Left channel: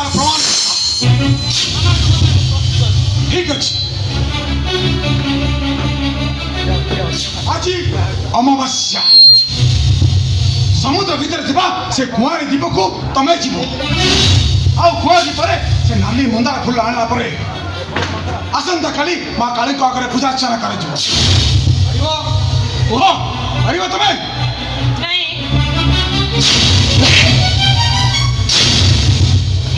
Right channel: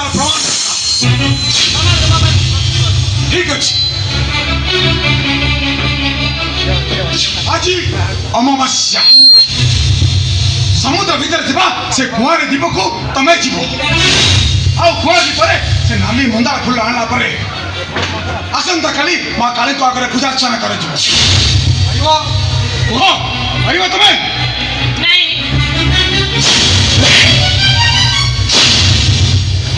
তার প্রমাণ ঠিক আছে আজি অমাবাস্যা ସମୁଦ୍ର ଭିତରେ ଥିବା ସେ କୁଆଁରୀ ଦ୍ୱୀପକୁ ତମେ ଯିବ ଆଉ କୁଆଁରୀ ପରେ ସେ ନାଲି ମନ୍ଦାର ଫୁଲ ଆଣିଲା ପରେ ଆସନ୍ତାକାଲି ମା କାଳୀଙ୍କ ଆଗରେ ପୂଜାର୍ଚ୍ଚନା କରାଯିବ କୁହ ପାରିବ ତମେ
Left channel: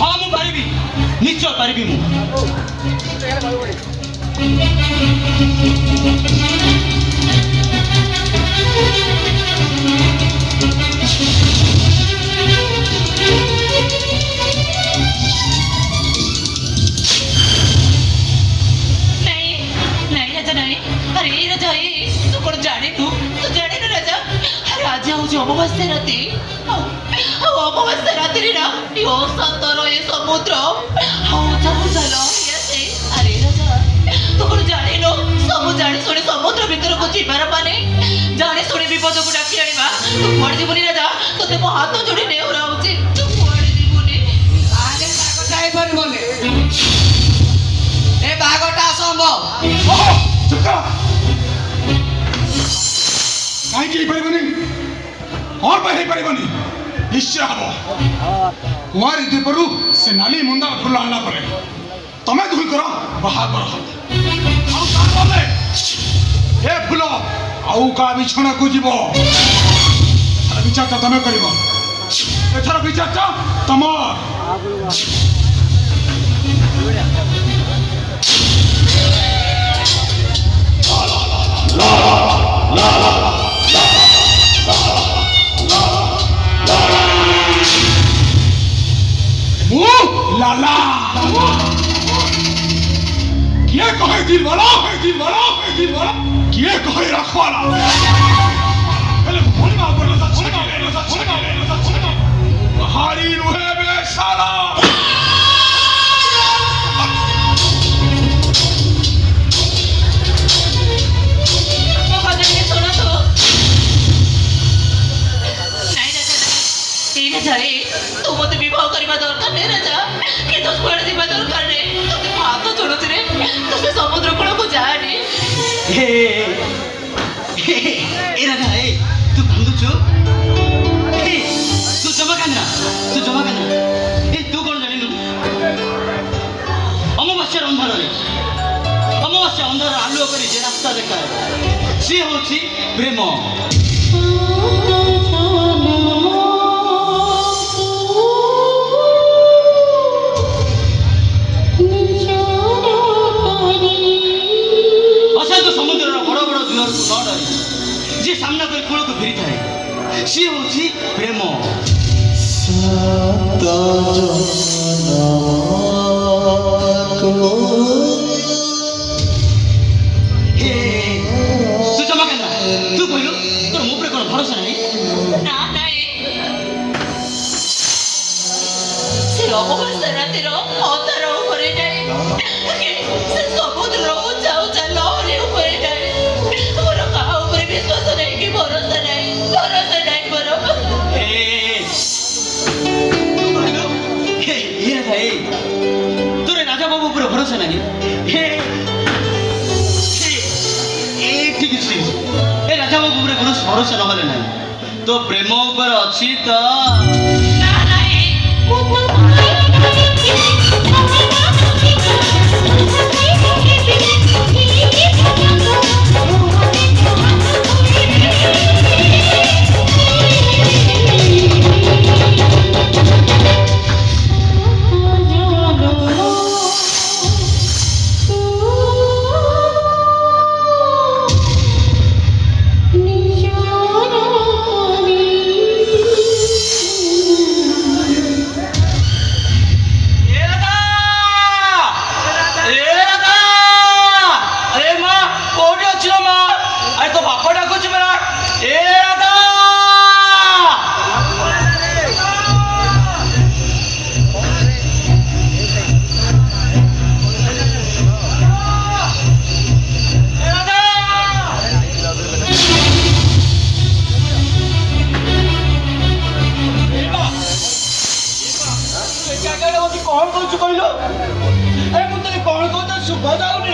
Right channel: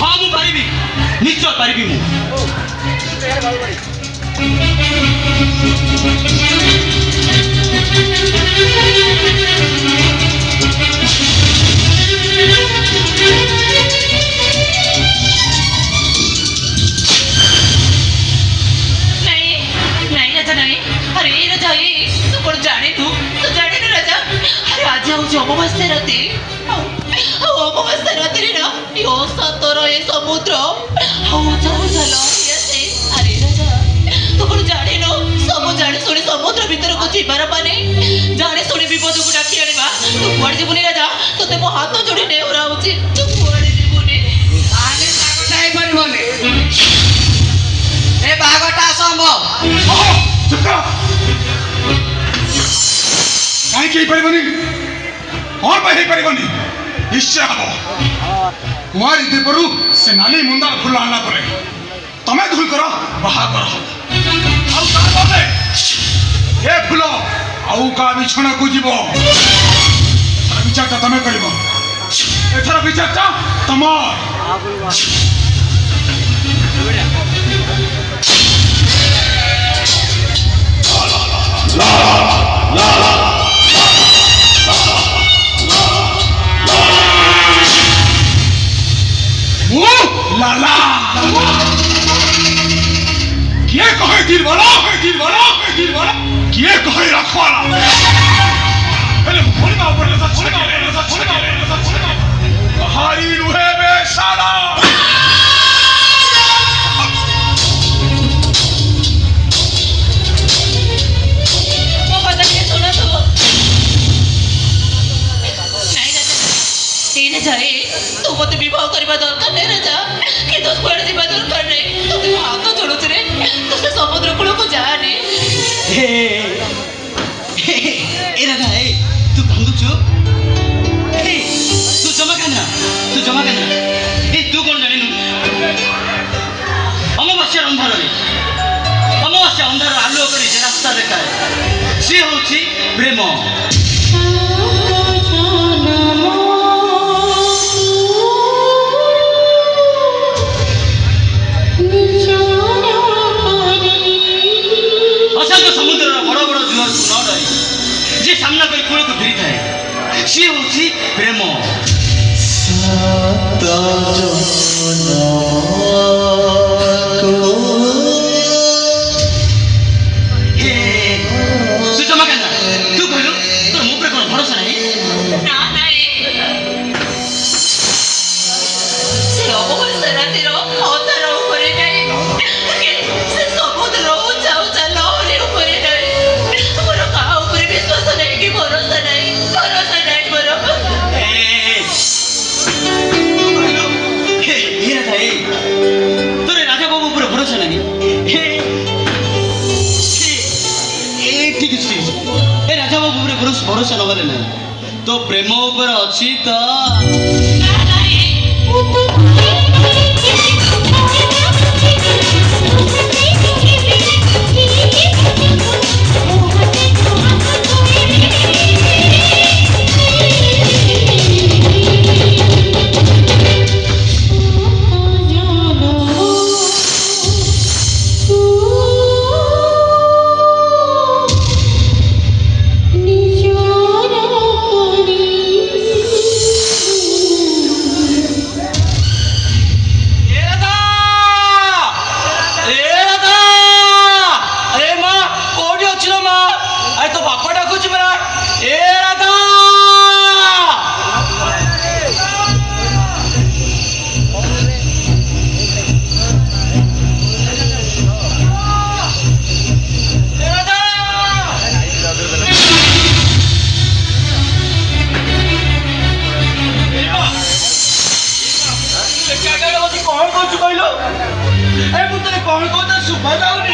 ହଁ ମୁଁ ପାରିବି ନିଶ୍ଚୟ ପାରିବି ମୁଁ অমাবস্যা রাতে অমাবস্যা রাত্রি না সতর এ সমুদ্র আরে রাজা তু কোন জানিল সবু জানি শুনে সমুদ্র ভিতরକୁ ଯିବାର ମାନେ ଜାଣି ଶୁଣି ବିପଦକୁ ଡାକି ଆଣିବା ତୁ କୁଆଡେ ଯିବୁନି ରାଜା ତତେ ମୋ ହାତ ଯୋଡି ନେଉରାଉଛି ତୁ କୁଆଡେ ଯିବୁନି ଆରେ ବାଘଟା ହେଇପାରିବନି ଏ ବାଘଟା ଅସମ୍ଭବ ଚୁପ କାହିଁକି ହେଇପାରିବନି କଣ ପାଇଁ ହେଇପାରିବନି ନିଶ୍ଚୟ ହବ କୁଆଁରୀ ଦ୍ୱୀପରୁ ସେ ନାଲି ମନ୍ଦାର ଫୁଲ ଆଣିଲା ପରେ ତମେ ଦୁହିଁଙ୍କର ବାହାଘର ହବ ଆଉ ତାପରେ ଏ ଫୁଲ ଆଉ କାହା ବିଛଣାକୁ ଯିବ ଏଥର ବିଚାରଟା ତମେ କରିବ ଏଥର ବିଚାରଟା ତମର लाला किए कहे दिल वाला किए कहे रखवाला पहले फोड़ना ऊपर लगा हारी रुहे बेसाला जाए तू मत विवाह करवा दरकार नहीं राजा कि तो कुआड़े जीवा दरकार नहीं तू हाथ जोड़ुछ रे तू से समुद्र कूल को जाने ए राजा ए तू कांदुछु ए तू जमा कांदना ए तू कोन जानिलु अमावास्या अंधार आलुओ करी जे रास्ता देखाए से होछि प्रेम जे सामना कर कूल को फिरी थाए सी होची प्रेम तू जमा करना तू कहलु तोर मुंह पे कोन भरोसा नहीं ना से अमावस्या राते रो अवतार ऊपर नहीं से समुद्र जाऊ लहरी ऊपर नहीं मोर का ऊपर विश्वास नहीं कि भरोसा नहीं मोर तू कहलु ये भाई तोरे राजा बाबू ऊपर भरोसा नहीं ठीक है ए राजा बाबू ऊपर भरोसा लगले ना तो प्रेम ऊपर अछि तो नहीं ବସି କ'ଣ କରୁଛୁ କହିଲୁ? ଏ ମୁଁ ତତେ କ'ଣ କହୁଛି ଶୁଭା ଯାଉନି।